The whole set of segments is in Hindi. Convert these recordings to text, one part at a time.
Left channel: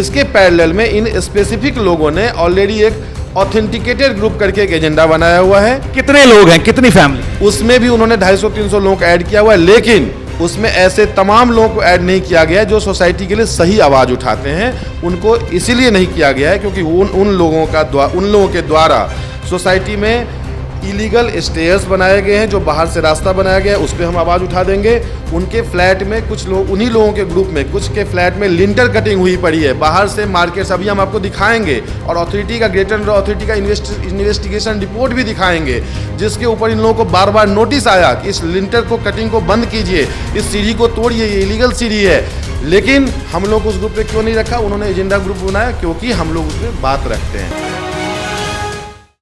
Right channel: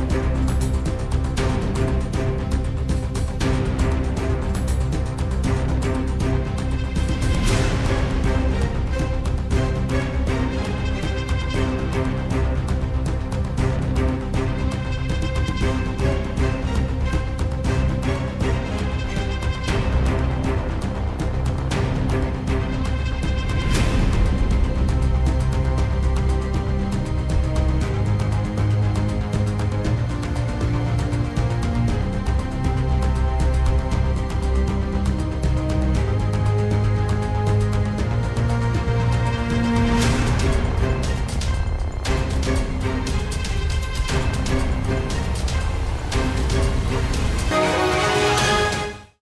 इसके पैरेलल में इन स्पेसिफिक लोगों ने ऑलरेडी एक ऑथेंटिकेटेड ग्रुप करके एक एजेंडा बनाया हुआ है। कितने लोग हैं, कितनी फैमिली? उसमें भी उन्होंने 250-300 लोगों को ऐड किया हुआ है, लेकिन उसमें ऐसे तमाम लोगों को ऐड नहीं किया गया जो सोसाइटी के लिए सही आवाज उठाते हैं। उनको इसीलिए नहीं किया गया है क्योंकि उन लोगों के द्वारा सोसाइटी में इलीगल स्टेयर्स बनाए गए हैं, जो बाहर से रास्ता बनाया गया है, उस पर हम आवाज़ उठा देंगे। उनके फ्लैट में कुछ लोग, उन्हीं लोगों के ग्रुप में कुछ के फ्लैट में लिंटर कटिंग हुई पड़ी है, बाहर से मार्केट्स अभी हम आपको दिखाएंगे, और अथॉरिटी का ग्रेटर नोएडा अथॉरिटी का इन्वेस्टिगेशन रिपोर्ट भी दिखाएंगे, जिसके ऊपर इन लोगों को बार बार नोटिस आया कि इस लिंटर को कटिंग को बंद कीजिए, इस सीढ़ी को तोड़िए, ये इलीगल सीढ़ी है। लेकिन हम लोग उस ग्रुप पे क्यों नहीं रखा? उन्होंने एजेंडा ग्रुप बनाया क्योंकि हम लोग उसमें बात रखते हैं।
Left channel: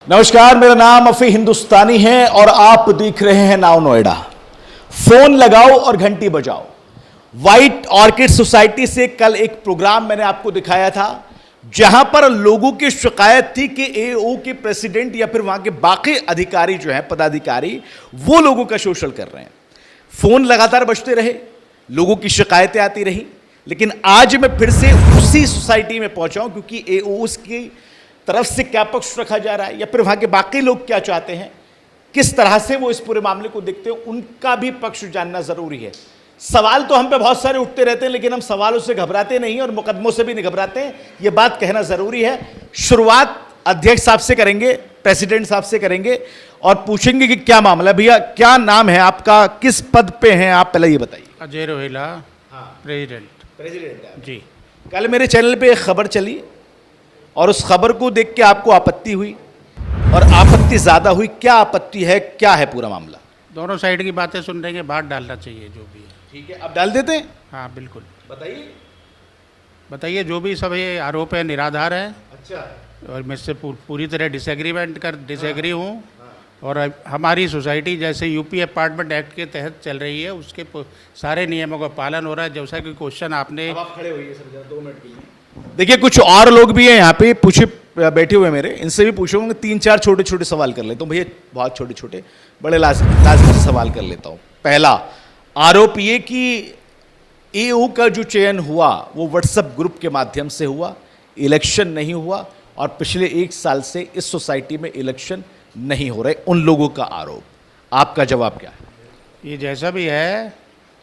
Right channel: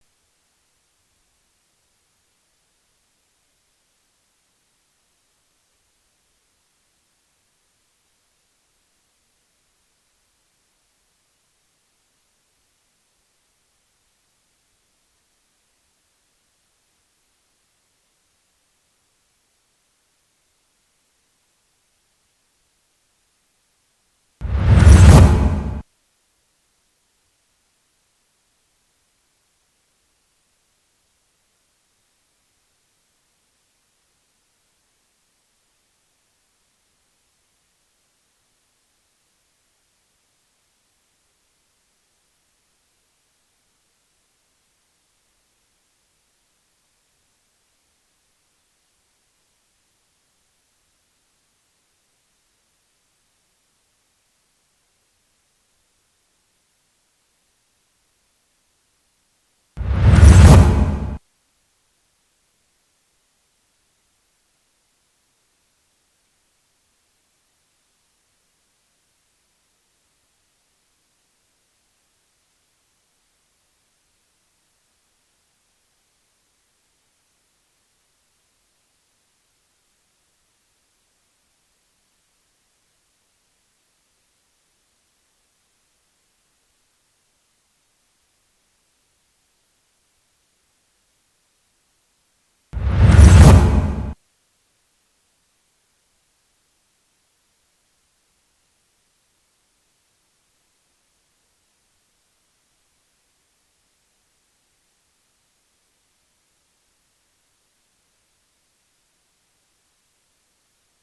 नमस्कार, मेरा नाम अफी हिंदुस्तानी है और आप देख रहे हैं नाउ नोएडा। फोन लगाओ और घंटी बजाओ। व्हाइट ऑर्किड सोसाइटी से कल एक प्रोग्राम मैंने आपको दिखाया था, जहां पर लोगों की शिकायत थी कि एओ के प्रेसिडेंट या फिर वहां के बाकी अधिकारी जो हैं, पदाधिकारी, वो लोगों का शोषण कर रहे हैं। फोन लगातार बजते रहे, लोगों की शिकायतें आती रही, लेकिन आज मैं फिर से उसी सोसाइटी में पहुंचा हूं क्योंकि एओ की तरफ से क्या पक्ष रखा जा रहा है या फिर वहां के बाकी लोग क्या चाहते हैं, किस तरह से वो इस पूरे मामले को देखते हैं, उनका भी पक्ष जानना जरूरी है। सवाल तो हम पे बहुत सारे उठते रहते हैं, लेकिन हम सवालों से घबराते नहीं और मुकदमों से भी नहीं घबराते हैं, ये बात कहना जरूरी है। शुरुआत अध्यक्ष साहब से करेंगे, प्रेसिडेंट साहब से करेंगे और पूछेंगे कि क्या मामला। भैया, क्या नाम है आपका, किस पद पे हैं आप, पहले ये बताइए। अजय रोहिला, प्रेसिडेंट जी। कल मेरे चैनल पे एक खबर चली और उस खबर को देख के आपको आपत्ति हुई और आपत्ति ज्यादा हुई। क्या आपत्ति है, क्या है पूरा मामला? दोनों साइड की बातें सुन रहे हैं, बात डालना चाहिए जो भी है। ठीक है, अब डाल देते हैं। हाँ बिल्कुल, बताइए बताइए। जो भी सब ये आरोप है निराधार है। अच्छा, और मैं इससे पूरी तरह डिसएग्री हूँ। और हमारी सोसाइटी जैसे यूपी अपार्टमेंट एक्ट के तहत चल रही है, उसके सारे नियमों का पालन हो रहा है। जैसा कि क्वेश्चन आपने, अब आप खड़े होइए सर जरा 2 मिनट के लिए। देखिए, कुछ और लोग भी हैं यहाँ पे, पूछे बैठे हुए मेरे, इनसे भी पूछूंगा। 3-4 छोटे छोटे सवाल कर लेता हूँ भैया, बहुत छोटे छोटे, बड़े लाजमी सवाल कर लेता हूँ। पहला आरोप ये कि एओ का जो चयन हुआ वो व्हाट्सएप ग्रुप के माध्यम से हुआ, इलेक्शन नहीं हुआ, और पिछले 1 साल से इस सोसाइटी में इलेक्शन नहीं हो रहे, उन लोगों का आरोप। आपका जवाब क्या है? ये जैसा भी है,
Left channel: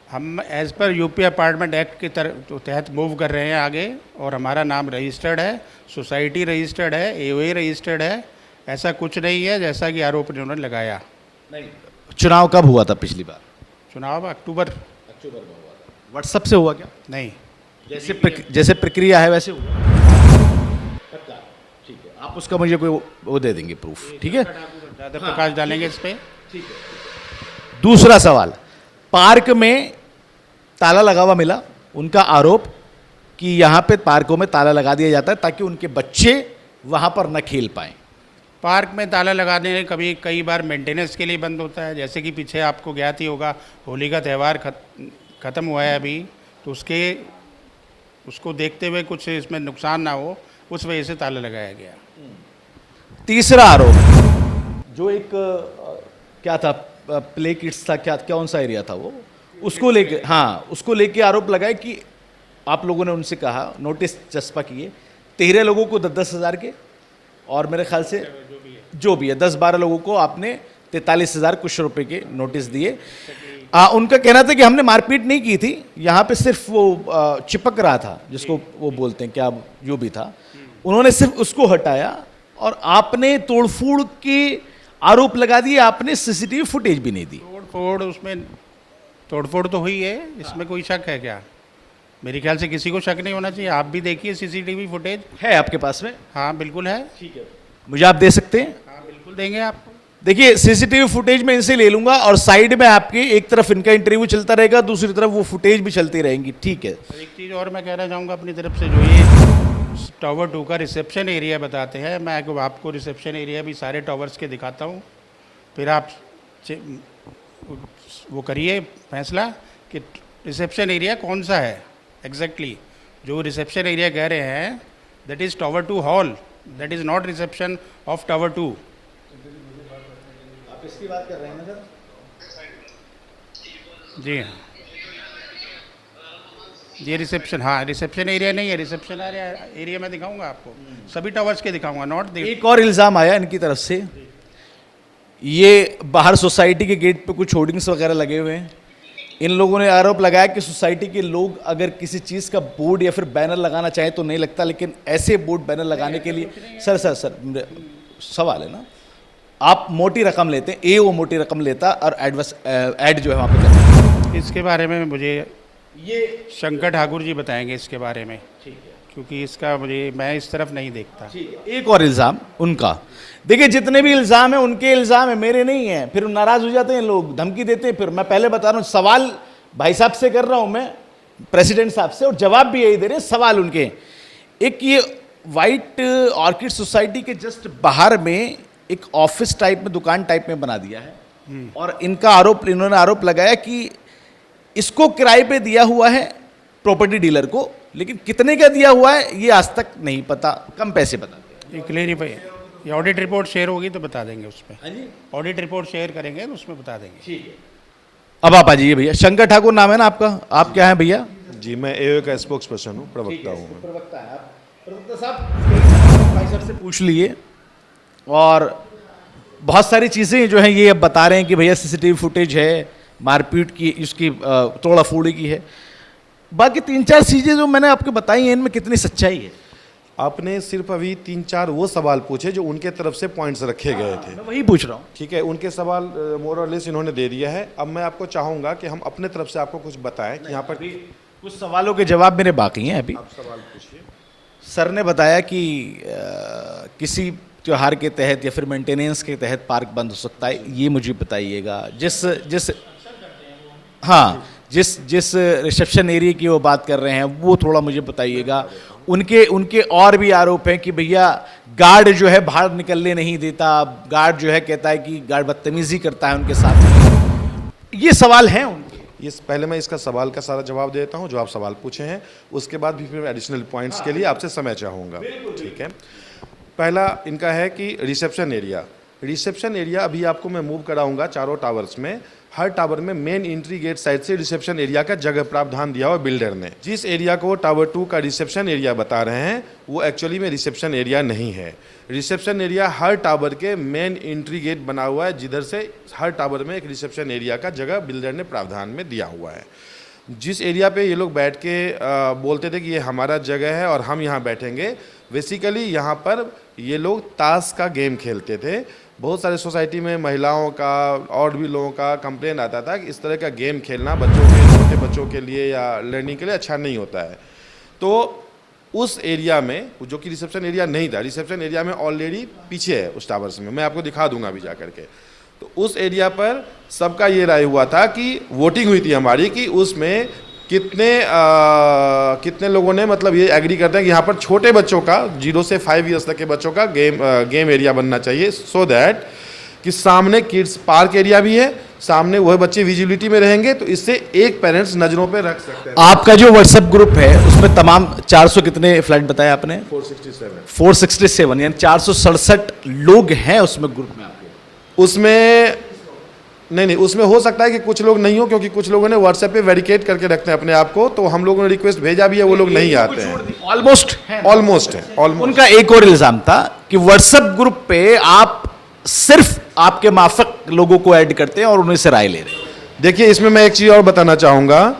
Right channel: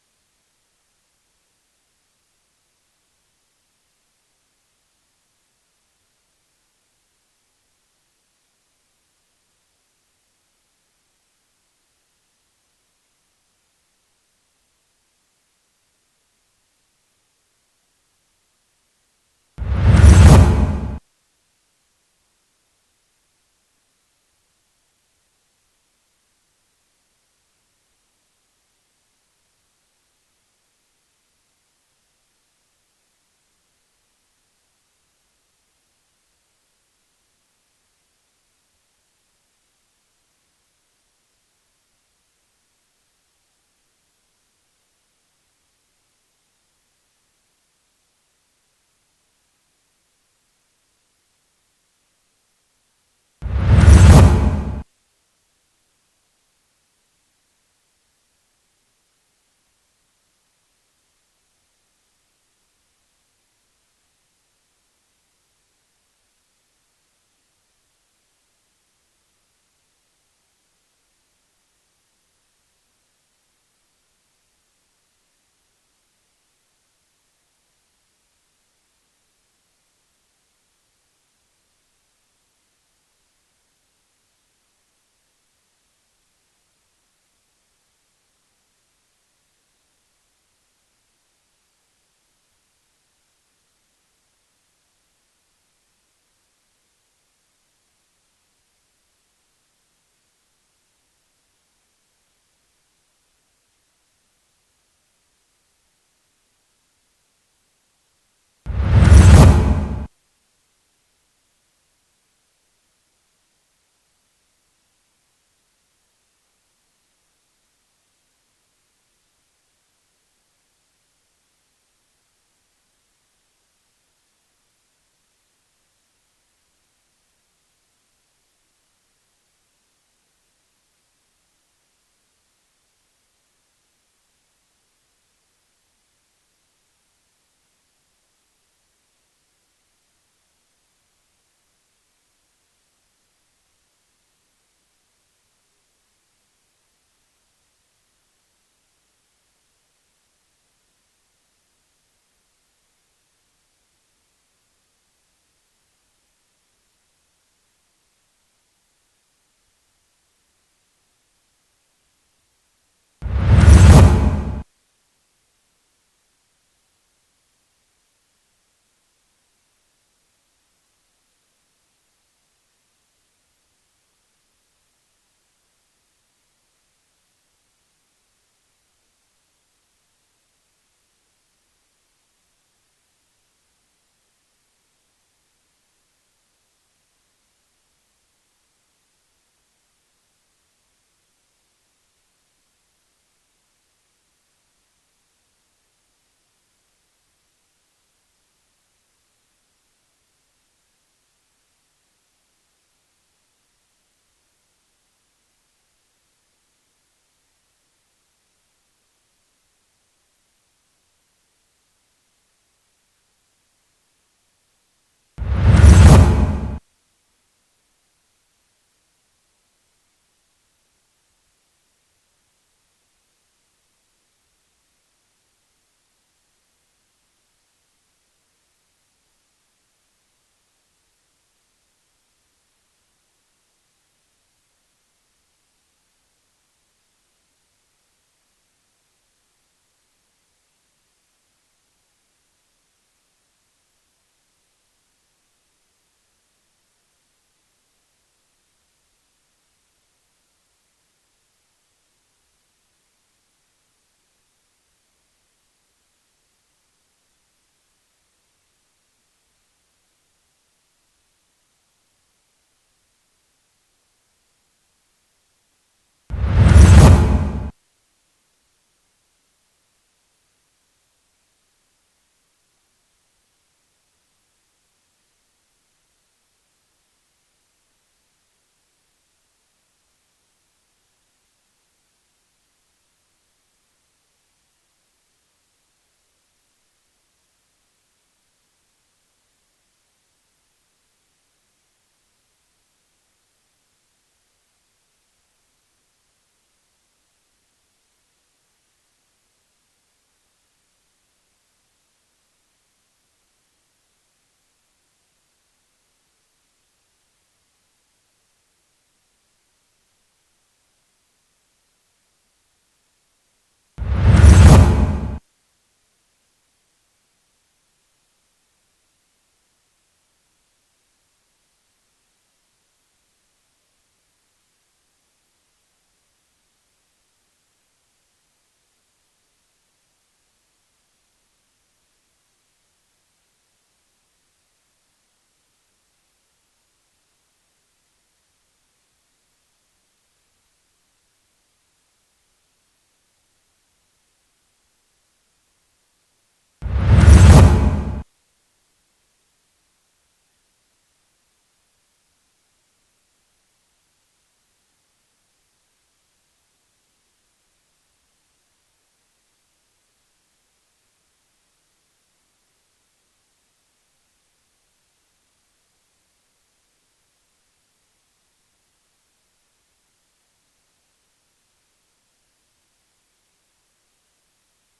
हम as per UP apartment act के तहत मूव कर रहे हैं आगे, और हमारा नाम रजिस्टर्ड है, सोसाइटी रजिस्टर्ड है, एओए रजिस्टर्ड है। ऐसा कुछ नहीं है जैसा कि आरोप उन्होंने लगाया। नहीं, चुनाव कब हुआ था पिछली बार? चुनाव अक्टूबर में हुआ था। व्हाट्सएप से हुआ क्या? नहीं, जैसे प्रक्रिया है वैसे हुआ। ठीक है, आप उसका मुझे कोई वो दे देंगे प्रूफ, ठीक है? ज़्यादा प्रकाश डालेंगे इस पर। दूसरा सवाल, पार्क में ताला लगा हुआ मिला, उनका आरोप कि यहाँ पे पार्कों में ताला लगा दिया जाता है ताकि उनके बच्चे वहाँ पर न खेल पाएं। पार्क में ताला लगाने कई बार मेंटेनेंस के लिए बंद होता है। जैसे कि पीछे आपको ज्ञात ही होगा, होली का त्यौहार ख़त्म हुआ है अभी, तो उसको देखते हुए कुछ इसमें नुकसान ना हो, उस वजह से ताला लगाया गया। तीसरा आरोप, जो एक क्या था, प्ले किड्स था, क्या कौन सा एरिया था वो, उसको लेके, हाँ, उसको लेके आरोप लगाए कि आप लोगों ने उनसे कहा, नोटिस चस्पा किए 13 लोगों को 10-10 हज़ार के, और मेरे ख्याल से जो भी है 10-12 लोगों को आपने 43,000 कुछ रुपए के नोटिस दिए। उनका कहना था कि हमने मारपीट नहीं की थी, यहाँ पे सिर्फ वो चिपक रहा था, जिसको वो बोलते हैं, क्या जो भी था, उन्होंने सिर्फ उसको हटाया और आपने तोड़फोड़ के आरोप लगा दिए। आपने सीसीटीवी फुटेज भी नहीं दी। तोड़फोड़ तो हुई है, इसमें कोई शक है क्या? मेरे ख्याल से किसी को शक नहीं होना चाहिए। आप भी देखिए, सीसीटीवी फुटेज है आपके पास में? हाँ बिल्कुल है। ठीक है, मुझे आप दे सकते हैं? हाँ बिल्कुल देंगे आपको। देखिए, सीसीटीवी फुटेज में इनसे ले लूंगा और साइड में आपके एक तरफ इनका इंटरव्यू चलता रहेगा, दूसरी तरफ वो फुटेज भी चलती रहेंगी, ठीक है? एक चीज़ और मैं कहना चाहूँगा अपनी तरफ से, जो ये टावर 2 का रिसेप्शन एरिया बताते हैं, मैं आपको रिसेप्शन एरिया भी सारे टावर्स के दिखाता हूँ, फिर आप वो करिए फैसला कि रिसेप्शन एरिया कौन सा है एग्जैक्टली। जो रिसेप्शन एरिया कह रहे हैं, that is tower 2 hall, that is not reception of tower 2। आप इसकी बात कर रहे हैं ना सर? जी हाँ। ये रिसेप्शन, हाँ रिसेप्शन एरिया नहीं है, रिसेप्शन एरिया में दिखाऊंगा आपको, सभी टावर्स के दिखाऊंगा, नॉट एक और इल्ज़ाम आया इनकी तरफ से, ये बाहर सोसाइटी के गेट पे कुछ होर्डिंग्स वगैरह लगे हुए हैं। इन लोगों ने आरोप लगाया कि सोसाइटी के लोग अगर किसी चीज़ का बोर्ड या फिर बैनर लगाना चाहें तो नहीं लगता, लेकिन ऐसे बोर्ड बैनर लगाने के लिए सर सवाल है ना, आप मोटी रकम लेते हैं, वो मोटी रकम लेता और ऐड जो है वहाँ पर, इसके बारे में मुझे ये शंकर ठाकुर जी बताएंगे इसके बारे में, ठीक है। क्योंकि इसका मुझे, मैं इस तरफ नहीं देखता। एक और इल्ज़ाम उनका, देखिए जितने भी इल्ज़ाम है उनके इल्ज़ाम है, मेरे नहीं है, फिर नाराज़ हो जाते हैं लोग, धमकी देते हैं। फिर मैं पहले बता रहा हूँ, सवाल भाई साहब से कर रहा हूँ मैं, प्रेसिडेंट साहब से, और जवाब भी यही दे रहे हैं, सवाल उनके। एक ये वाइट ऑर्किड सोसाइटी के जस्ट बाहर में एक ऑफिस टाइप में, दुकान टाइप में बना दिया है, और इन्होंने आरोप लगाया कि इसको किराए पे दिया हुआ है प्रॉपर्टी डीलर को, लेकिन कितने का दिया हुआ है ये आज तक नहीं पता, कम पैसे बताते हैं। ये क्लियरिफाई, ये ऑडिट रिपोर्ट शेयर होगी तो बता देंगे उसमें, ऑडिट रिपोर्ट शेयर करेंगे तो उसमें बता देंगे। अब आप आ जाइए भैया, शंकर ठाकुर नाम है ना आपका, आप क्या हैं भैया? जी, मैं एओ का स्पोक्स पर्सन हूँ, प्रवक्ता हूँ मैं। प्रवक्ता है आप, प्रवक्ता साहब भाई साहब से पूछ लिए, और बहुत सारी चीज़ें जो हैं ये अब बता रहे हैं कि भैया सीसीटीवी फुटेज है, मारपीट की, इसकी तोड़ा फोड़ी की है, बाकी 3-4 चीज़ें जो मैंने आपको बताई हैं इनमें कितनी सच्चाई है? आपने सिर्फ अभी 3-4 वो सवाल पूछे जो उनके तरफ से पॉइंट्स रखे गए थे, मैं वही पूछ रहा हूँ। ठीक है, उनके सवाल मोर और लेस इन्होंने दे दिया है। अब मैं आपको चाहूँगा कि हम अपने तरफ से आपको कुछ बताएं कि यहाँ पर कुछ सवालों के जवाब मेरे बाकी हैं अभी। आप सवाल पूछिए। सर ने बताया कि किसी त्योहार के तहत या फिर मेंटेनेंस के तहत पार्क बंद हो सकता है, ये मुझे बताइएगा। जिस रिसेप्शन एरिया की वो बात कर रहे हैं वो थोड़ा मुझे बताइएगा। उनके और भी आरोप हैं कि भैया गार्ड जो है बाहर निकलने नहीं देता, गार्ड जो है कहता है कि गार्ड बदतमीजी करता है उनके साथ। ये सवाल हैं उनके। ये पहले मैं इसका सवाल का सारा जवाब देता हूँ जो आप सवाल पूछे हैं, उसके बाद भी फिर एडिशनल पॉइंट्स के लिए आपसे समय चाहूँगा, ठीक है। पहला इनका है कि रिसेप्शन एरिया अभी आपको मैं मूव कराऊंगा चारों टावर्स में। हर टावर में मेन एंट्री गेट साइड से रिसेप्शन एरिया का जगह प्रावधान दिया हुआ बिल्डर ने। जिस एरिया को टावर 2 का रिसेप्शन एरिया बता रहे हैं वो एक्चुअली में रिसेप्शन एरिया नहीं है। रिसेप्शन एरिया हर टावर के मेन एंट्री गेट बना हुआ है, जिधर से हर टावर में एक रिसेप्शन एरिया का जगह बिल्डर ने प्रावधान में दिया हुआ है। जिस एरिया पे ये लोग बैठ के बोलते थे कि ये हमारा जगह है और हम यहाँ बैठेंगे, बेसिकली यहाँ पर ये लोग ताश का गेम खेलते थे। बहुत सारे सोसाइटी में महिलाओं का और भी लोगों का कंप्लेन आता था कि इस तरह का गेम खेलना बच्चों के लिए या लर्निंग के लिए अच्छा नहीं होता है। तो उस एरिया में, जो कि रिसेप्शन एरिया नहीं था, रिसेप्शन एरिया में ऑलरेडी पीछे है उस टावर्स में, मैं आपको दिखा दूंगा अभी जा करके। तो उस एरिया पर सबका ये राय हुआ था कि वोटिंग हुई थी हमारी कि उसमें कितने लोगों ने मतलब ये एग्री करते हैं कि यहाँ पर छोटे बच्चों का 0 से 5 ईयर्स तक के बच्चों का गेम एरिया बनना चाहिए, सो दैट कि सामने किड्स पार्क एरिया भी है, सामने वह बच्चे विजिबिलिटी में रहेंगे, तो इससे एक पेरेंट्स नजरों पे रख सकते हैं। आपका जो व्हाट्सएप ग्रुप है उसमें तमाम 400 कितने फ्लैट बताया आपने? 467 यानी 467 लोग हैं उसमें ग्रुप में आपके? उसमें नहीं, उसमें हो सकता है कि कुछ लोग नहीं हो, क्योंकि कुछ लोगों ने व्हाट्सएप पे वेरिकेट करके रखते हैं अपने आप को, तो हम लोगों ने रिक्वेस्ट भेजा भी है, वो लोग नहीं आते हैं। ऑलमोस्ट है। उनका एक और इल्जाम था कि व्हाट्सएप ग्रुप पे आप सिर्फ आपके माफक लोगों को ऐड करते हैं और उन्हीं से राय ले रहे हैं। देखिए, इसमें मैं एक चीज़ और बताना चाहूँगा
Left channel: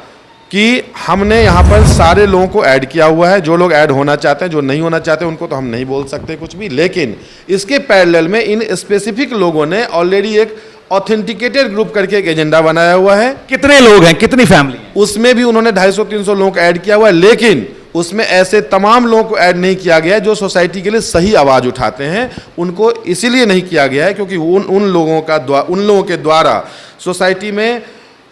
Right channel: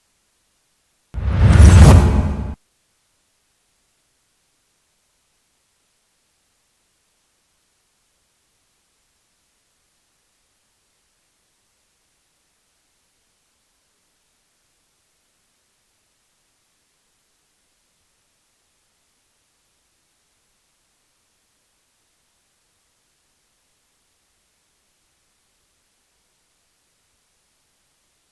कि हमने यहाँ पर सारे लोगों को ऐड किया हुआ है। जो लोग ऐड होना चाहते हैं, जो नहीं होना चाहते उनको तो हम नहीं बोल सकते कुछ भी, लेकिन इसके पैरेलल में इन स्पेसिफिक लोगों ने ऑलरेडी एक ऑथेंटिकेटेड ग्रुप करके एक एजेंडा बनाया हुआ है। कितने लोग हैं, कितनी फैमिली है? उसमें भी उन्होंने 250-300 लोगों को ऐड किया हुआ है, लेकिन उसमें ऐसे तमाम लोगों को ऐड नहीं किया गया है जो सोसाइटी के लिए सही आवाज़ उठाते हैं। उनको इसीलिए नहीं किया गया है क्योंकि उन लोगों के द्वारा सोसाइटी में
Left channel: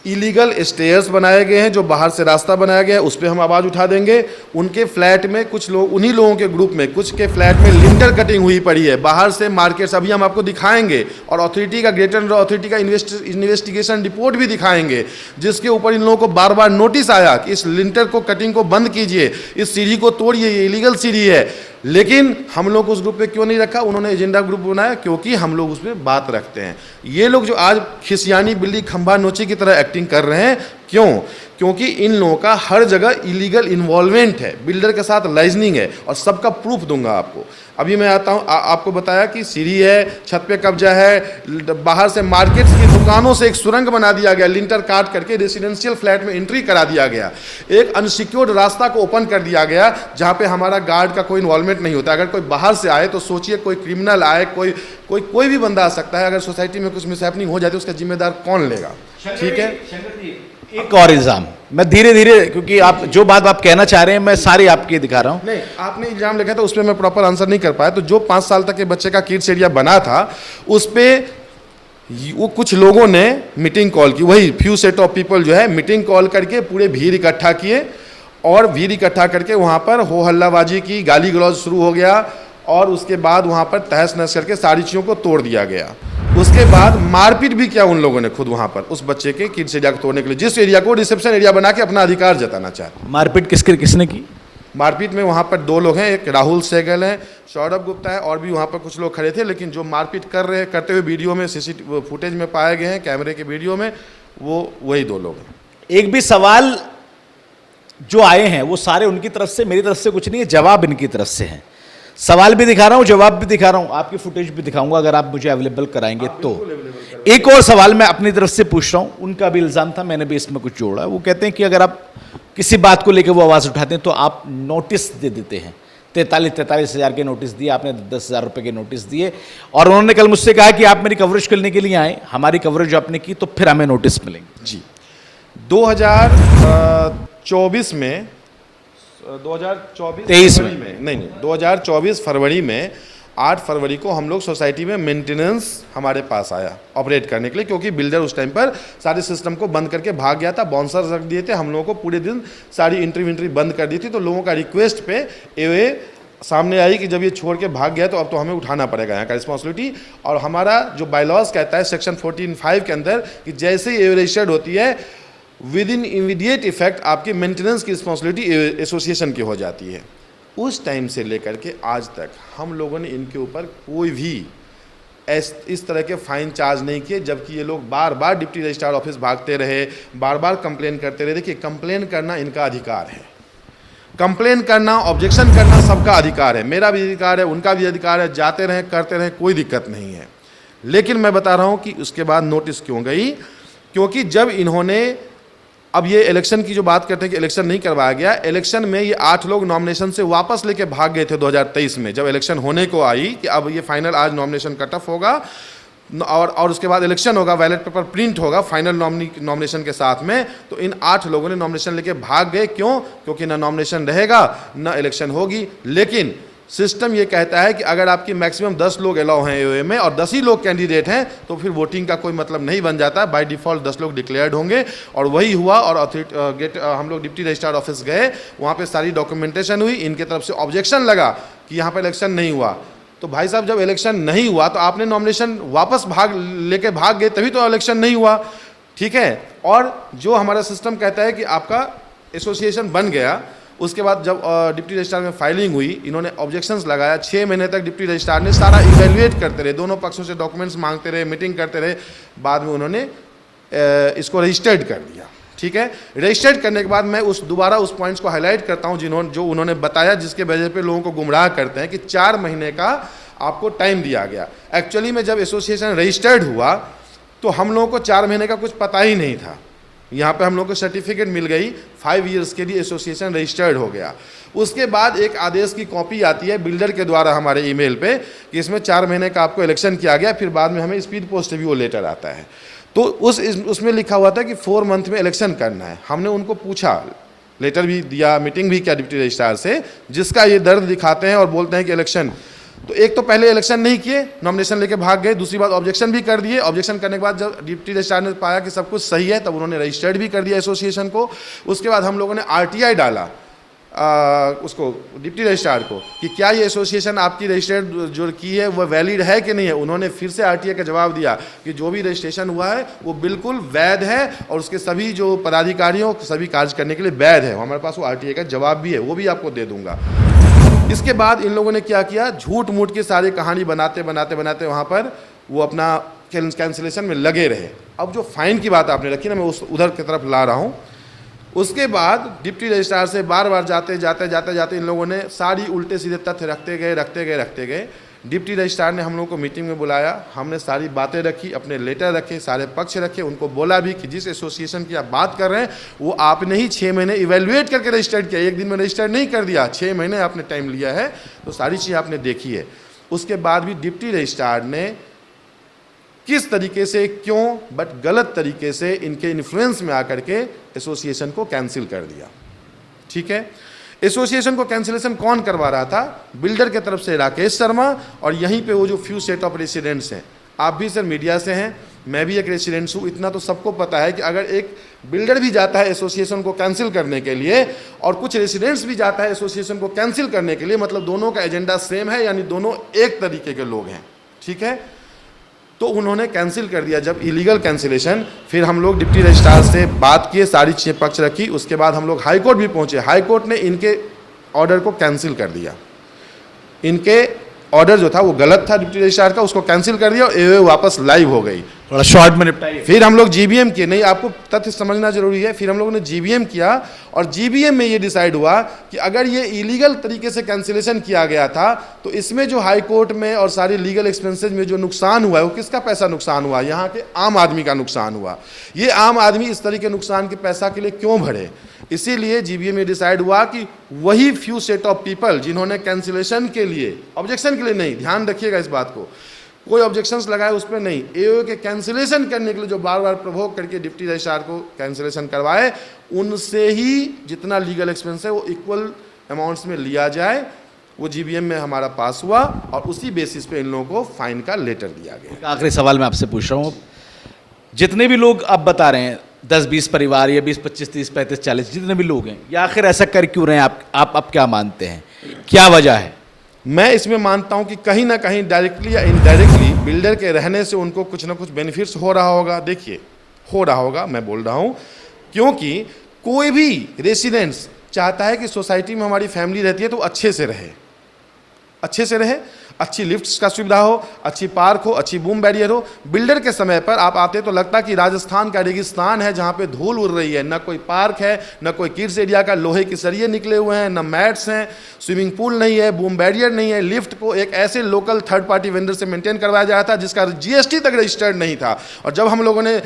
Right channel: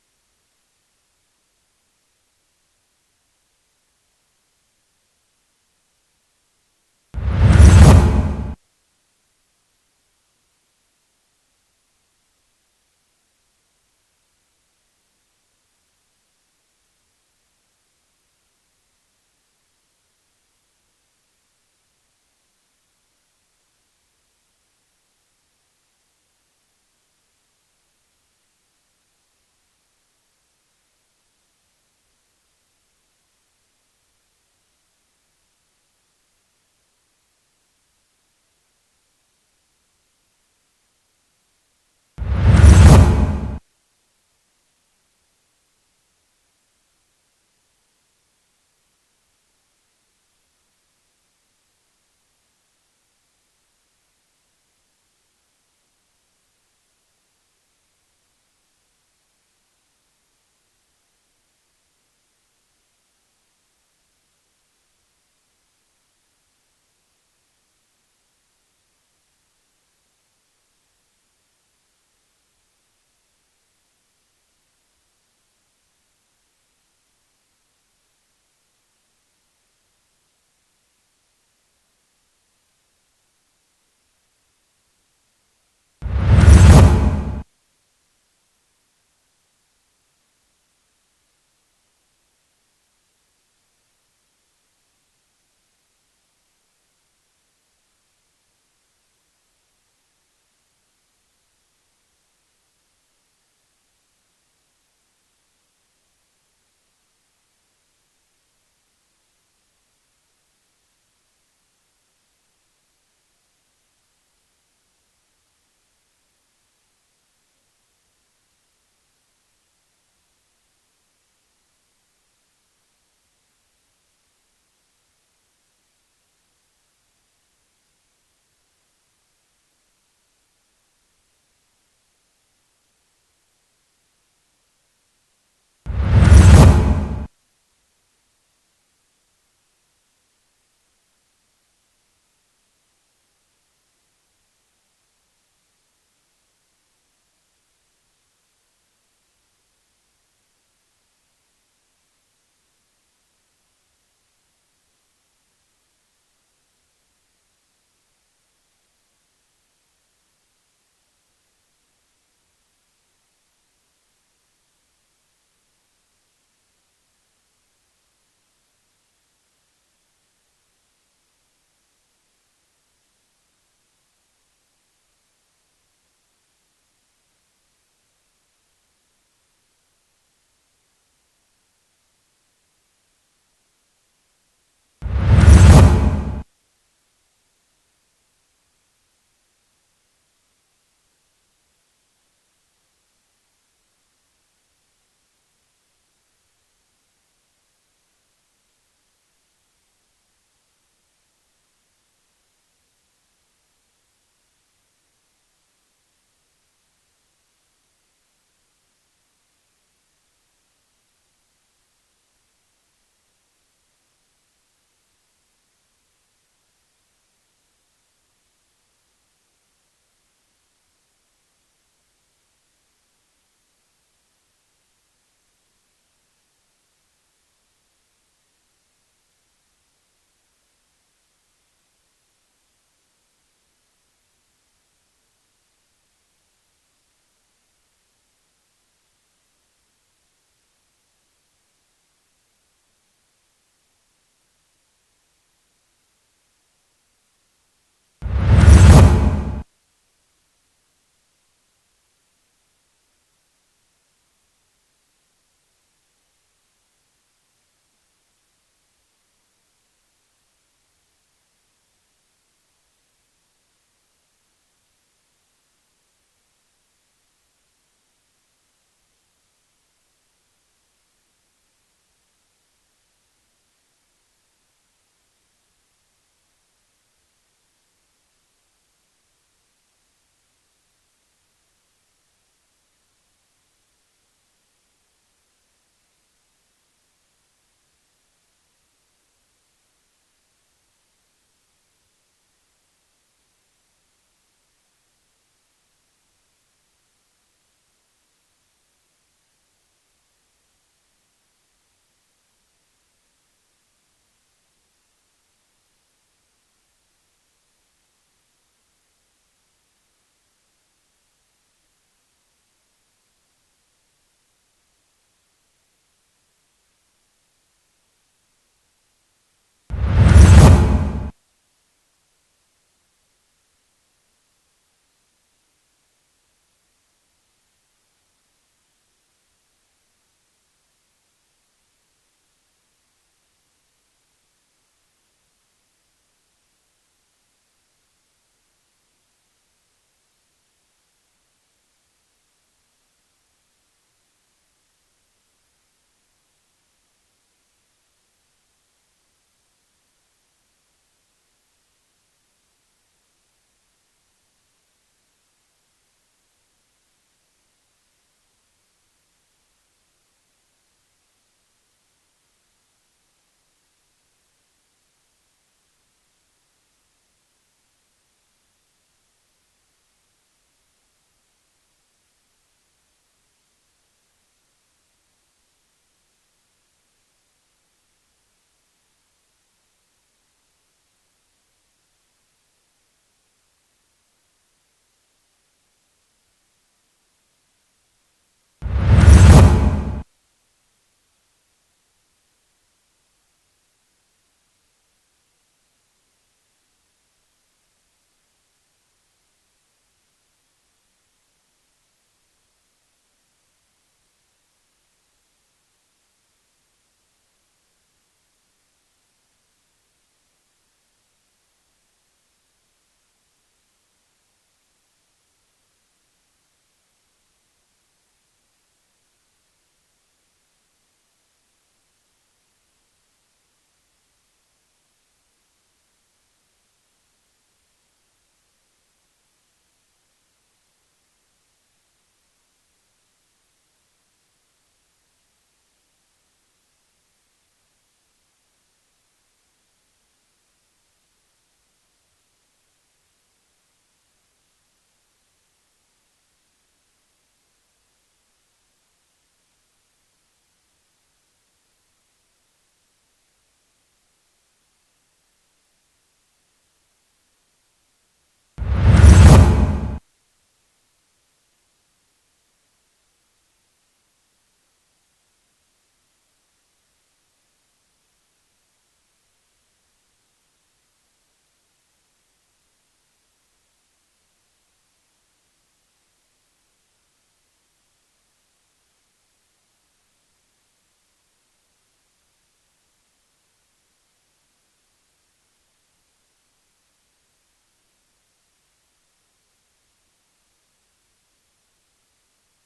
इलीगल स्टेयर्स बनाए गए हैं, जो बाहर से रास्ता बनाया गया है, उस पर हम आवाज़ उठा देंगे। उनके फ्लैट में कुछ लोग, उन्हीं लोगों के ग्रुप में कुछ के फ्लैट में लिंटर कटिंग हुई पड़ी है, बाहर से मार्केट्स अभी हम आपको दिखाएंगे, और अथॉरिटी का ग्रेटर नोएडा अथॉरिटी का इन्वेस्टिगेशन रिपोर्ट भी दिखाएंगे, जिसके ऊपर इन लोगों को बार बार नोटिस आया कि इस लिंटर को कटिंग को बंद कीजिए, इस सीढ़ी को तोड़िए, ये इलीगल सीढ़ी है। लेकिन हम लोग उस ग्रुप पे क्यों नहीं रखा? उन्होंने एजेंडा ग्रुप बनाया क्योंकि हम लोग उसमें बात रखते हैं। ये लोग जो आज खिसियानी बिल्ली खंभा नोची की तरह एक्टिंग कर रहे हैं, क्यों? क्योंकि इन लोगों का हर जगह इलीगल इन्वॉल्वमेंट है, बिल्डर के साथ लाइजनिंग है, और सबका प्रूफ दूंगा आपको। अभी मैं आता हूँ, आपको बताया कि सीढ़ी है, छत पे कब्जा है, बाहर से मार्केट की दुकानों से एक सुरंग बना दिया गया, लिंटर काट करके रेसिडेंशियल फ्लैट में एंट्री करा दिया गया, एक अनसिक्योर्ड रास्ता को ओपन कर दिया गया जहाँ पे हमारा गार्ड का कोई इन्वॉल्वमेंट नहीं होता। अगर कोई बाहर से आए तो सोचिए, कोई क्रिमिनल आए, कोई भी बंदा आ सकता है। अगर सोसाइटी में कुछ मिसहैपनिंग हो जाए तो उसका जिम्मेदार कौन लेगा? ठीक है, एक और इल्जाम मैं धीरे धीरे, क्योंकि आप जो बात आप कहना चाह रहे हैं मैं सारी आपकी दिखा रहा हूं। नहीं, आपने इल्जाम लिखा था उस पर मैं प्रॉपर आंसर नहीं कर पाया। तो जो 5 साल तक के बच्चे का किड्स एरिया बना था उस पे वो कुछ लोगों ने मीटिंग कॉल की, वही फ्यू सेट ऑफ पीपल जो है मीटिंग कॉल करके पूरे भीड़ इकट्ठा किए, और भीड़ इकट्ठा करके वहाँ पर हो हल्लाबाजी की, गाली गलौज शुरू हो गया, और उसके बाद वहाँ पर तहस नहस करके सारी चीज़ों को तोड़ दिया गया। उसके बाद मारपीट भी किया उन लोगों ने खुद वहाँ पर उस बच्चे के किड्स एरिया को तोड़ने के लिए, जिस एरिया को रिसेप्शन एरिया बना के अपना अधिकार जताना चाहते। मारपीट किसने की? मारपीट में वहाँ पर 2 लोग हैं, एक राहुल सहगल हैं, सौरभ गुप्ता है, और भी वहाँ पर कुछ लोग खड़े थे। लेकिन जो मारपीट करते हुए वीडियो में सीसीटीवी फुटेज में पाए गए हैं, कैमरे के वीडियो में, वो वही 2 लोग हैं। एक भी सवाल जो आए हैं वो सारे उनकी तरफ से, मेरी तरफ से कुछ नहीं है, जवाब इनकी तरफ से है। सवाल भी दिखा रहा हूं, जवाब भी दिखा रहा हूं, आपकी फुटेज भी दिखाऊंगा अगर आप मुझे अवेलेबल कराएंगे तो। एक और सवाल मैं अपनी तरफ से पूछ रहा हूं, उनका भी इल्जाम था, मैंने भी इसमें कुछ जोड़ा। वो कहते हैं कि अगर आप किसी बात को लेकर वो आवाज उठाते हैं तो आप नोटिस दे देते हैं। 43 हज़ार के नोटिस दिए आपने, 10,000 रुपए के नोटिस दिए, और उन्होंने कल मुझसे कहा कि आप मेरी कवरेज करने के लिए आए, हमारी कवरेज आपने की तो फिर हमें नोटिस मिलेंगे। जी, 2024 में 2024 फरवरी में नहीं 2024 फरवरी में 8 फरवरी को हम लोग सोसाइटी में मेंटेनेंस हमारे पास आया ऑपरेट करने के लिए, क्योंकि बिल्डर उस टाइम पर सारे सिस्टम को बंद करके भाग गया था, बाउंसर रख दिए थे, हम लोगों को पूरे दिन सारी एंट्री बंद कर दी थी। तो लोगों का रिक्वेस्ट पे ये सामने आई कि जब ये छोड़ के भाग गया तो अब तो हमें उठाना पड़ेगा यहाँ का रिस्पॉन्सिबिलिटी। और हमारा जो बायलॉज कहता है सेक्शन 14(5) के अंदर कि जैसे ही रजिस्टर्ड होती है विद इन इमीडिएट इफेक्ट आपकी मेंटेनेंस की रिस्पॉन्सिबिलिटी एसोसिएशन की हो जाती है। उस टाइम से लेकर के आज तक हम लोगों ने इनके ऊपर कोई भी इस तरह के फाइन चार्ज नहीं किए, जबकि ये लोग बार बार डिप्टी रजिस्ट्रार ऑफिस भागते रहे, बार बार कंप्लेन करते रहे। देखिए, कंप्लेन करना इनका अधिकार है, कंप्लेन करना, ऑब्जेक्शन करना सबका अधिकार है, मेरा भी अधिकार है, उनका भी अधिकार है, जाते रहें करते रहें, कोई दिक्कत नहीं है। लेकिन मैं बता रहा हूँ कि उसके बाद नोटिस क्यों गई, क्योंकि जब इन्होंने, अब ये इलेक्शन की जो बात करते हैं कि इलेक्शन नहीं करवाया गया, इलेक्शन में ये 8 लोग नॉमिनेशन से वापस लेके भाग गए थे 2023 में, जब इलेक्शन होने को आई कि अब ये फाइनल आज नॉमिनेशन कट ऑफ होगा और उसके बाद इलेक्शन होगा, बैलेट पेपर प्रिंट होगा फाइनल नॉमिनेशन के साथ में। तो इन 8 लोगों ने नॉमिनेशन लेके भाग गए। क्यों? क्योंकि ना नॉमिनेशन रहेगा ना इलेक्शन होगी। लेकिन सिस्टम ये कहता है कि अगर आपकी मैक्सिमम 10 लोग अलाउ हैं एओए में और 10 ही लोग कैंडिडेट हैं तो फिर वोटिंग का कोई मतलब नहीं बन जाता, बाय डिफ़ॉल्ट 10 लोग डिक्लेयर्ड होंगे। और वही हुआ, और हम लोग डिप्टी रजिस्ट्रार ऑफिस गए, वहाँ पे सारी डॉक्यूमेंटेशन हुई, इनके तरफ से ऑब्जेक्शन लगा कि यहाँ पर इलेक्शन नहीं हुआ। तो भाई साहब, जब इलेक्शन नहीं हुआ तो आपने नॉमिनेशन वापस लेके भाग गए, तभी तो इलेक्शन नहीं हुआ। ठीक है। और जो हमारा सिस्टम कहता है कि आपका एसोसिएशन बन गया, उसके बाद जब डिप्टी रजिस्ट्रार में फाइलिंग हुई, इन्होंने ऑब्जेक्शंस लगाया। 6 महीने तक डिप्टी रजिस्ट्रार ने सारा इवैल्यूएट करते रहे, दोनों पक्षों से डॉक्यूमेंट्स मांगते रहे, मीटिंग करते रहे। बाद में उन्होंने इसको रजिस्टर्ड कर दिया। ठीक है। रजिस्टर्ड करने के बाद मैं दोबारा उस पॉइंट्स को हाईलाइट करता हूं जो उन्होंने बताया, जिसके वजह पे लोगों को गुमराह करते हैं कि 4 महीने का आपको टाइम दिया गया। एक्चुअली में जब एसोसिएशन रजिस्टर्ड हुआ तो हम लोगों को 4 महीने का कुछ पता ही नहीं था। यहाँ पे हम लोग को सर्टिफिकेट मिल गई, 5 ईयर्स के लिए एसोसिएशन रजिस्टर्ड हो गया। उसके बाद एक आदेश की कॉपी आती है बिल्डर के द्वारा हमारे ईमेल पे कि इसमें 4 महीने का आपको इलेक्शन किया गया। फिर बाद में हमें स्पीड पोस्ट भी वो लेटर आता है, तो उसमें लिखा हुआ था कि 4 मंथ में इलेक्शन करना है। हमने उनको पूछा, लेटर भी दिया, मीटिंग भी किया डिप्टी रजिस्ट्रार से, जिसका ये दर्द दिखाते हैं और बोलते हैं कि इलेक्शन, तो एक तो पहले इलेक्शन नहीं किए, नॉमिनेशन लेके भाग गए, दूसरी बात ऑब्जेक्शन भी कर दिए। ऑब्जेक्शन करने के बाद जब डिप्टी रजिस्ट्रार ने पाया कि सब कुछ सही है, तब उन्होंने रजिस्टर्ड भी कर दिया एसोसिएशन को। उसके बाद हम लोगों ने आरटीआई डाला उसको डिप्टी रजिस्ट्रार को कि क्या ये एसोसिएशन आपकी रजिस्टर्ड जो की है वो वैलिड है कि नहीं है। उन्होंने फिर से आरटीआई का जवाब दिया कि जो भी रजिस्ट्रेशन हुआ है वो बिल्कुल वैध है और उसके सभी जो पदाधिकारियों सभी कार्य करने के लिए वैध है। हमारे पास वो आरटीआई का जवाब भी है, वो भी आपको दे दूंगा। इसके बाद इन लोगों ने क्या किया, झूठ मूठ की सारी कहानी बनाते वहाँ पर वो अपना कैंसिलेशन में लगे रहे। अब जो फाइन की बात आपने रखी ना, मैं उधर की तरफ ला रहा हूँ। उसके बाद डिप्टी रजिस्ट्रार से बार बार जाते इन लोगों ने सारी उल्टे सीधे तथ्य रखते गए। डिप्टी रजिस्ट्रार ने हम लोगों को मीटिंग में बुलाया, हमने सारी बातें रखी, अपने लेटर रखे, सारे पक्ष रखे, उनको बोला भी कि जिस एसोसिएशन की आप बात कर रहे हैं वो आपने ही 6 महीने इवेल्युएट करके रजिस्टर्ड किया, एक दिन में रजिस्टर्ड नहीं कर दिया, 6 महीने आपने टाइम लिया है, तो सारी चीज़ आपने देखी है। उसके बाद भी डिप्टी रजिस्ट्रार ने किस तरीके से, क्यों, बट गलत तरीके से इनके इन्फ्लुएंस में आकर के एसोसिएशन को कैंसिल कर दिया। ठीक है, एसोसिएशन को कैंसिलेशन कौन करवा रहा था? बिल्डर के तरफ से राकेश शर्मा, और यहीं पे वो जो फ्यू सेट ऑफ रेसिडेंट्स हैं। आप भी सर मीडिया से हैं, मैं भी एक रेसिडेंट्स हूँ, इतना तो सबको पता है कि अगर एक बिल्डर भी जाता है एसोसिएशन को कैंसिल करने के लिए और कुछ रेसिडेंट्स भी जाता है एसोसिएशन को कैंसिल करने के लिए, मतलब दोनों का एजेंडा सेम है, यानी दोनों एक तरीके के लोग हैं। ठीक है, तो उन्होंने कैंसिल कर दिया जब इलीगल कैंसिलेशन। फिर हम लोग डिप्टी रजिस्ट्रार से बात किए, सारी चीज़ें पक्ष रखी, उसके बाद हम लोग हाई कोर्ट भी पहुंचे। हाई कोर्ट ने इनके ऑर्डर को कैंसिल कर दिया। इनके ऑर्डर जो था वो गलत था डिप्टी रजिस्ट्रार का, उसको कैंसिल कर दिया और एओए वापस लाइव हो गई। थोड़ा शॉर्ट में निपटाइए। फिर हम लोग जीबीएम किए, नहीं आपको तथ्य समझना जरूरी है। फिर हम लोगों ने जीबीएम किया और जीबीएम में ये डिसाइड हुआ कि अगर ये इलीगल तरीके से कैंसिलेशन किया गया था तो इसमें जो हाई कोर्ट में और सारी लीगल एक्सपेंसेज में जो नुकसान हुआ है वो किसका पैसा नुकसान हुआ? यहाँ के आम आदमी का नुकसान हुआ। ये आम आदमी इस तरीके नुकसान के पैसा के लिए क्यों भरे? इसीलिए जीबीएम में डिसाइड हुआ कि वही फ्यू सेट ऑफ पीपल जिन्होंने कैंसिलेशन के लिए, ऑब्जेक्शन के लिए नहीं, ध्यान रखिएगा इस बात को, कोई ऑब्जेक्शंस लगाए उस पर नहीं, एओए के कैंसिलेशन करने के लिए जो बार बार प्रोवोक करके डिप्टी रजिस्ट्रार को कैंसिलेशन करवाए, उनसे ही जितना लीगल एक्सपेंस है वो इक्वल अमाउंट्स में लिया जाए। वो जीबीएम में हमारा पास हुआ और उसी बेसिस पे इन लोगों को फाइन का लेटर दिया गया। आखिरी सवाल मैं आपसे पूछ रहा हूँ, जितने भी लोग आप बता रहे हैं 10-20 परिवार या 20-25 30 35 40 जितने भी लोग हैं, ये आखिर ऐसा कर क्यों रहे हैं? आप क्या मानते हैं, क्या वजह है? मैं इसमें मानता हूं कि कहीं ना कहीं डायरेक्टली या इनडायरेक्टली बिल्डर के रहने से उनको कुछ ना कुछ बेनिफिट्स हो रहा होगा। देखिए, हो रहा होगा, मैं बोल रहा हूं, क्योंकि कोई भी रेसिडेंट्स चाहता है कि सोसाइटी में हमारी फैमिली रहती है तो अच्छे से रहे, अच्छी लिफ्ट्स का सुविधा हो, अच्छी पार्क हो, अच्छी बूम बैरियर हो। बिल्डर के समय पर आप आते तो लगता कि राजस्थान का रेगिस्तान है जहाँ पे धूल उड़ रही है, न कोई पार्क है, न कोई किड्स एरिया का लोहे के सरिये निकले हुए हैं, न मैट्स हैं, स्विमिंग पूल नहीं है, बूम बैरियर नहीं है। लिफ्ट को एक ऐसे लोकल थर्ड पार्टी वेंडर से मेंटेन करवाया जा रहा था जिसका जीएसटी तक रजिस्टर्ड नहीं था, और जब हम लोगों ने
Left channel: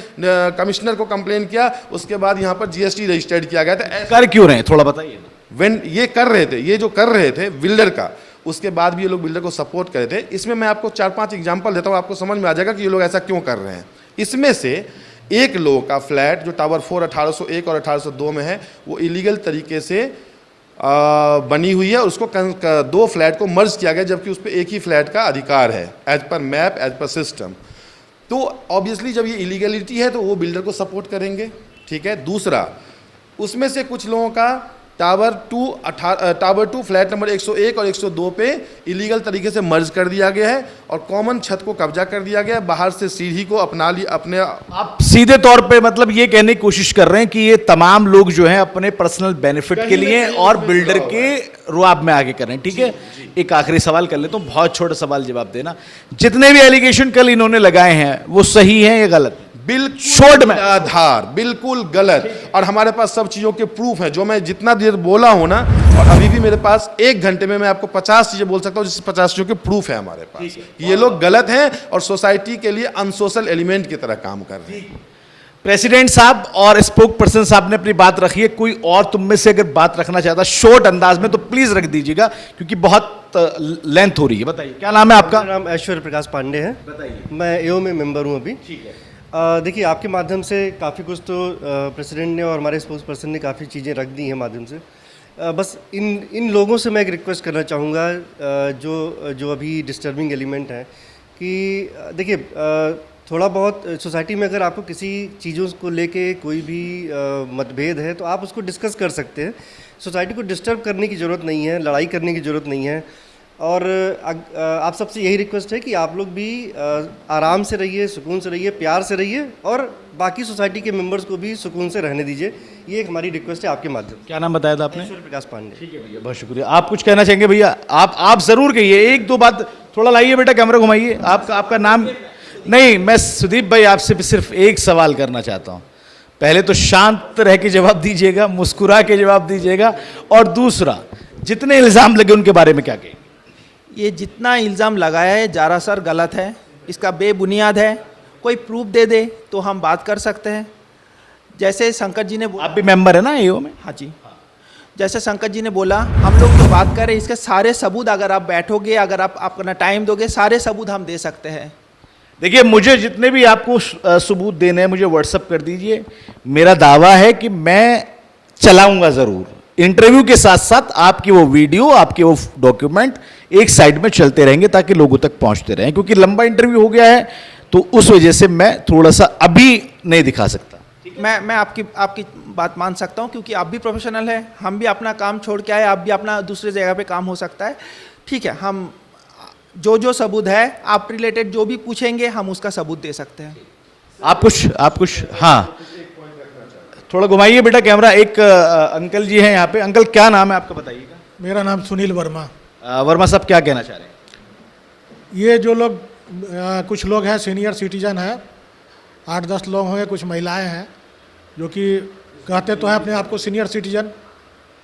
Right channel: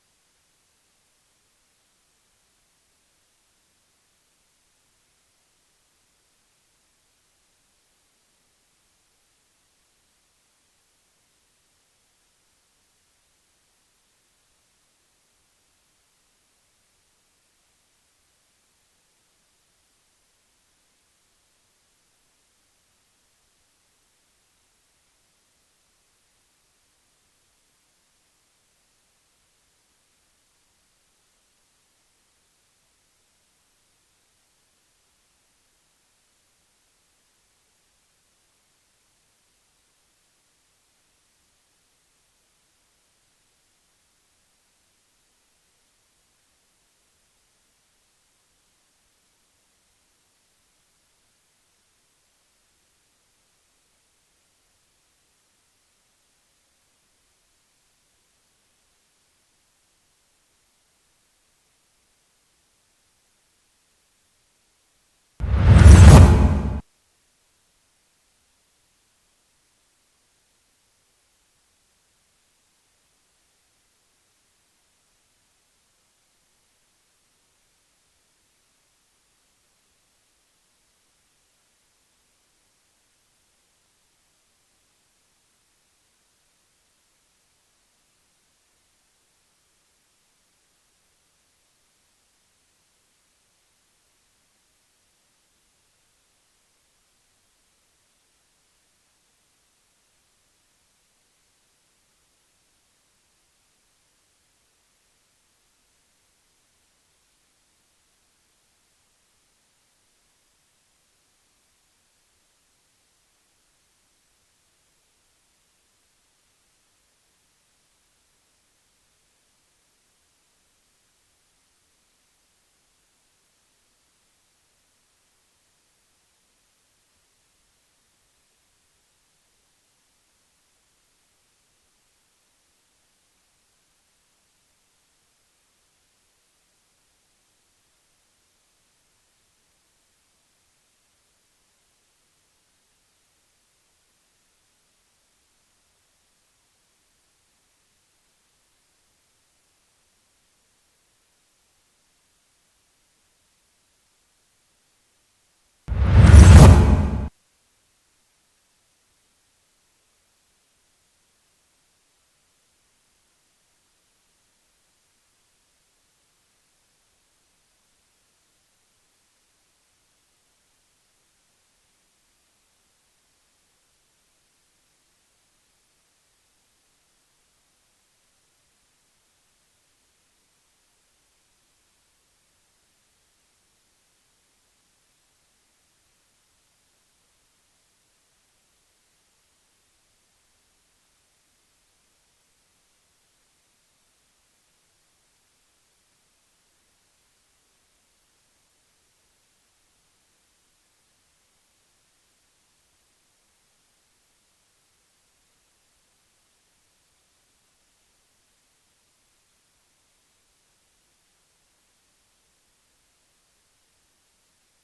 कमिश्नर को कंप्लेन किया उसके बाद यहाँ पर जीएसटी रजिस्टर्ड किया गया था। कर क्यों रहे हैं, थोड़ा बताइए। ये कर रहे थे बिल्डर का, उसके बाद भी ये लोग बिल्डर को सपोर्ट कर रहे थे। इसमें मैं आपको 4-5 एग्जांपल देता हूँ, आपको समझ में आ जाएगा कि ये लोग ऐसा क्यों कर रहे हैं। इसमें से एक लोगों का फ्लैट जो टावर 4 1801 और 1802 में है वो इलीगल तरीके से बनी हुई है, उसको 2 फ्लैट को मर्ज किया गया जबकि उस पर एक ही फ्लैट का अधिकार है as per map, as per system. तो ऑब्वियसली जब ये इलीगलिटी है तो वो बिल्डर को सपोर्ट करेंगे। ठीक है, दूसरा, उसमें से कुछ लोगों का टावर 2 फ्लैट नंबर 101 और 102 पे इलीगल तरीके से मर्ज कर दिया गया है और कॉमन छत को कब्जा कर दिया गया है, बाहर से सीढ़ी को अपने आप सीधे तौर पे मतलब ये कहने की कोशिश कर रहे हैं कि ये तमाम लोग जो हैं अपने पर्सनल बेनिफिट के लिए और बिल्डर के रुआब में आगे कर रहे हैं। ठीक है, एक आखिरी सवाल कर लेता हूं, बहुत छोटा सवाल जवाब देना। जितने भी एलिगेशन कल इन्होंने लगाए हैं वो सही हैं या गलत? बिल्कुल शॉर्ट में आधार, बिल्कुल गलत, और हमारे पास सब चीजों के प्रूफ हैं। जो मैं जितना देर बोला हूं ना, और अभी भी मेरे पास 1 घंटे में मैं आपको 50 चीजें बोल सकता हूं जिससे 50 चीजों के प्रूफ है हमारे पास। ये लोग गलत हैं और सोसाइटी के लिए अनसोशल एलिमेंट की तरह काम कर रहे हैं। प्रेसिडेंट साहब और स्पोक पर्सन साहब ने अपनी बात रखी है, कोई और तुम में से अगर बात रखना चाहता शॉर्ट अंदाज में तो प्लीज रख दीजिएगा क्योंकि बहुत लेंथ हो रही है। बताइए, क्या नाम है आपका? मेरा नाम ऐश्वर्य प्रकाश पांडे है। बताइए। मैं एओ में मेंबर हूं अभी। ठीक है। देखिए, आपके माध्यम से काफ़ी कुछ तो प्रेसिडेंट ने और हमारे स्पोक्स पर्सन ने काफ़ी चीज़ें रख दी हैं माध्यम से। बस इन लोगों से मैं एक रिक्वेस्ट करना चाहूँगा जो अभी डिस्टर्बिंग एलिमेंट है कि देखिए, थोड़ा बहुत सोसाइटी में अगर आपको किसी चीज़ों को लेके कोई भी मतभेद है तो आप उसको डिस्कस कर सकते हैं। सोसाइटी को डिस्टर्ब करने की ज़रूरत नहीं है, लड़ाई करने की ज़रूरत नहीं है। और आप सबसे यही रिक्वेस्ट है कि आप लोग भी आराम से रहिए, सुकून से रहिए, प्यार से रहिए और बाकी सोसाइटी के मेंबर्स को भी सुकून से रहने दीजिए। ये एक हमारी रिक्वेस्ट है आपके माध्यम से। क्या नाम बताया था आपने? ऐश्वर्य प्रकाश पांडे। ठीक है भैया, बहुत शुक्रिया। आप कुछ कहना चाहेंगे भैया? आप जरूर कहिए, 1-2 बात। थोड़ा लाइए बेटा, कैमरा घुमाइए। आपका नाम? नहीं, मैं सुदीप भाई आपसे भी सिर्फ एक सवाल करना चाहता हूं। पहले तो शांत रह के जवाब दीजिएगा, मुस्कुरा के जवाब दीजिएगा, और दूसरा, जितने इल्जाम लगे उनके बारे में क्या कहेंगे? ये जितना इल्ज़ाम लगाया है सरासर गलत है, इसका बेबुनियाद है। कोई प्रूफ दे दे तो हम बात कर सकते हैं। जैसे शंकर जी ने आप भी मेंबर है ना एओ में? हाँ जी, जैसे शंकर जी ने बोला, हम लोग तो बात कर रहे हैं, इसके सारे सबूत अगर आप बैठोगे, अगर आप अपना टाइम दोगे, सारे सबूत हम दे सकते हैं। देखिए, मुझे जितने भी आपको सबूत देने हैं मुझे व्हाट्सअप कर दीजिए। मेरा दावा है कि मैं चलाऊंगा जरूर। इंटरव्यू के साथ साथ आपकी वो वीडियो, आपके वो डॉक्यूमेंट एक साइड में चलते रहेंगे ताकि लोगों तक पहुंचते रहें, क्योंकि लंबा इंटरव्यू हो गया है तो उस वजह से मैं थोड़ा सा अभी नहीं दिखा सकता। मैं आपकी बात मान सकता हूँ, क्योंकि आप भी प्रोफेशनल है, हम भी अपना काम छोड़ के आए, आप भी अपना दूसरे जगह पे काम हो सकता है। ठीक है, हम जो सबूत है आप रिलेटेड जो भी पूछेंगे हम उसका सबूत दे सकते हैं। आप कुछ हाँ, थोड़ा घुमाइए बेटा कैमरा। एक अंकल जी हैं यहाँ पे। अंकल, क्या नाम है आपका, बताइएगा। मेरा नाम सुनील वर्मा। वर्मा साहब, क्या कहना चाह रहे हैं? ये जो लोग कुछ लोग हैं सीनियर सिटीजन हैं, 8-10 लोग होंगे, कुछ महिलाएं हैं जो कि कहते तो हैं अपने आप को सीनियर सिटीजन,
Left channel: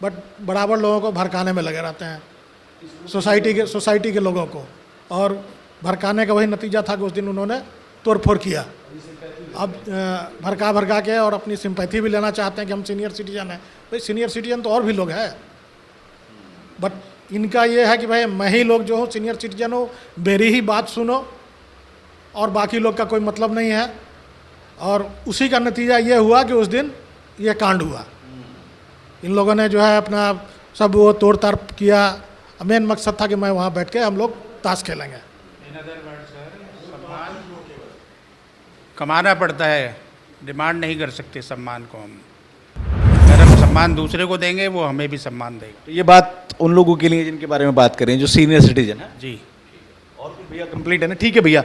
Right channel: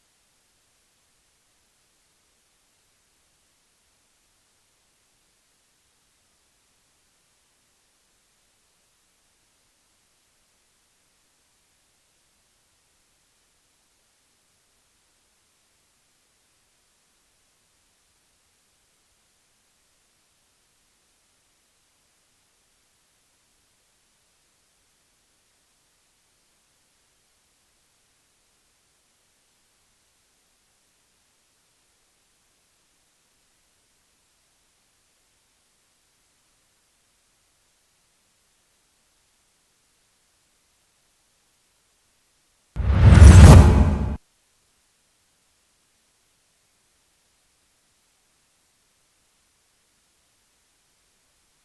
बट बराबर लोगों को भड़काने में लगे रहते हैं, सोसाइटी के लोगों को। और भड़काने का वही नतीजा था कि उस दिन उन्होंने तोड़फोड़ किया। अब भड़का के और अपनी सिंपैथी भी लेना चाहते हैं कि हम सीनियर सिटीजन हैं। भाई सीनियर सिटीजन तो और भी लोग हैं, बट इनका ये है कि भाई मैं ही लोग जो हो सीनियर सिटीजन हो, मेरी ही बात सुनो और बाकी लोग का कोई मतलब नहीं है। और उसी का नतीजा ये हुआ कि उस दिन ये कांड हुआ। इन लोगों ने जो है अपना सब वो तोड़ ताड़ किया। मेन मकसद था कि मैं वहाँ बैठ के हम लोग ताश खेलेंगे। कमाना पड़ता है, डिमांड नहीं कर सकते सम्मान को हम। अगर हम सम्मान दूसरे को देंगे वो हमें भी सम्मान देगा। तो ये बात उन लोगों के लिए जिनके बारे में बात करें जो सीनियर सिटीजन है जी। और कुछ भैया कंप्लीट है ना? ठीक है भैया।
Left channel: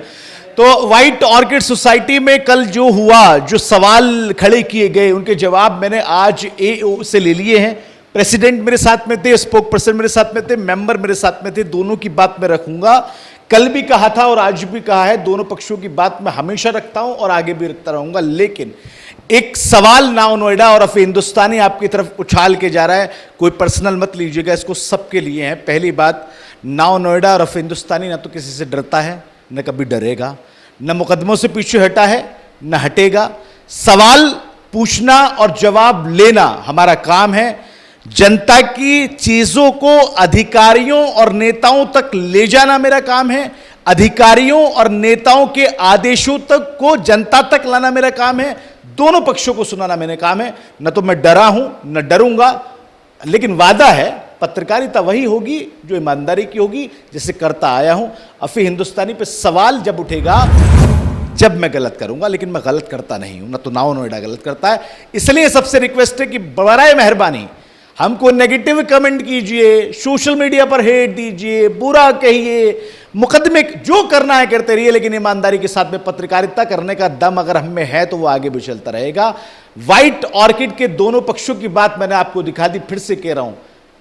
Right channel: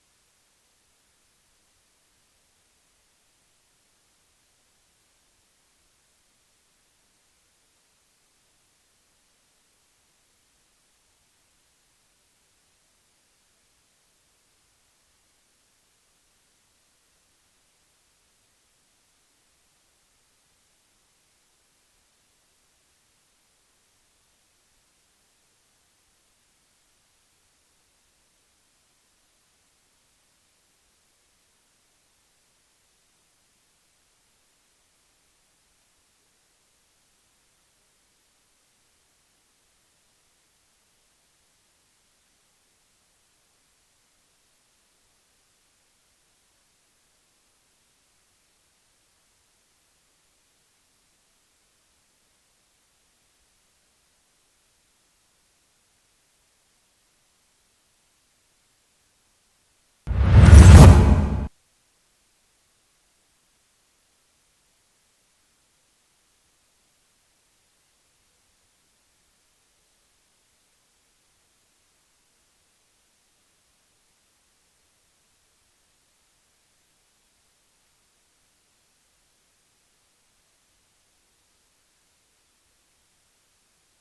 तो व्हाइट ऑर्किड सोसाइटी में कल जो हुआ, जो सवाल खड़े किए गए, उनके जवाब मैंने आज एओ से ले लिए हैं। प्रेसिडेंट मेरे साथ में थे, स्पोक पर्सन मेरे साथ में थे, मेंबर मेरे साथ में थे। दोनों की बात मैं रखूंगा। कल भी कहा था और आज भी कहा है, दोनों पक्षों की बात मैं हमेशा रखता हूं और आगे भी रखता रहूंगा। लेकिन एक सवाल नाउ नोएडा और अफी हिंदुस्तानी आपकी तरफ उछाल के जा रहा है। कोई पर्सनल मत लीजिएगा, इसको सबके लिए है। पहली बात, नाउ नोएडा और अफी हिंदुस्तानी ना तो किसी से डरता है, न कभी डरेगा, न मुकदमों से पीछे हटा है, न हटेगा। सवाल पूछना और जवाब लेना हमारा काम है। जनता की चीजों को अधिकारियों और नेताओं तक ले जाना मेरा काम है। अधिकारियों और नेताओं के आदेशों तक को जनता तक लाना मेरा काम है। दोनों पक्षों को सुनाना मेरा काम है। न तो मैं डरा हूं न डरूंगा, लेकिन वादा है पत्रकारिता वही होगी जो ईमानदारी की होगी, जिसे करता आया हूं। अफी हिंदुस्तानी पे सवाल जब उठेगा जब मैं गलत करूंगा, लेकिन मैं गलत करता नहीं हूं, न तो नाउ नोएडा गलत करता है। इसलिए सबसे रिक्वेस्ट है कि बराए मेहरबानी हमको नेगेटिव कमेंट कीजिए, सोशल मीडिया पर हेट दीजिए, बुरा कहिए, मुकदमे जो करना है करते रहिए, लेकिन ईमानदारी के साथ में पत्रकारिता करने का दम अगर हम में है तो वो आगे भी चलता रहेगा। व्हाइट ऑर्किड के दोनों पक्षों की बात मैंने आपको दिखा दी। फिर से कह रहा हूं,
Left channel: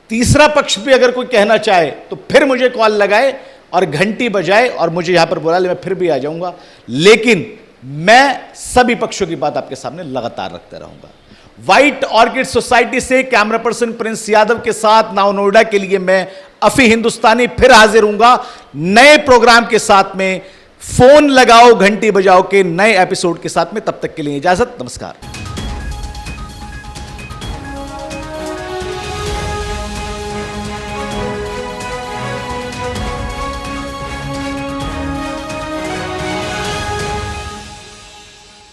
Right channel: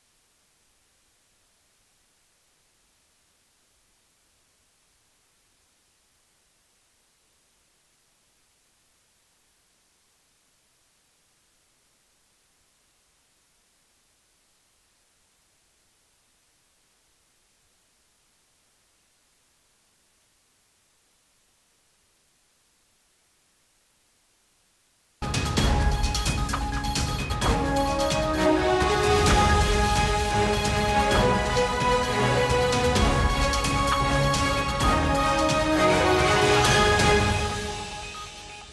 तीसरा पक्ष भी अगर कोई कहना चाहे तो फिर मुझे कॉल लगाए और घंटी बजाए और मुझे यहां पर बुला ले, मैं फिर भी आ जाऊंगा। लेकिन मैं सभी पक्षों की बात आपके सामने लगातार रखते रहूंगा। व्हाइट ऑर्किड सोसाइटी से कैमरा पर्सन प्रिंस यादव के साथ नाउ नोएडा के लिए मैं अफी हिंदुस्तानी फिर हाजिर हूंगा नए प्रोग्राम के साथ में। फोन लगाओ घंटी बजाओ के नए एपिसोड के साथ में। तब तक के लिए इजाजत, नमस्कार।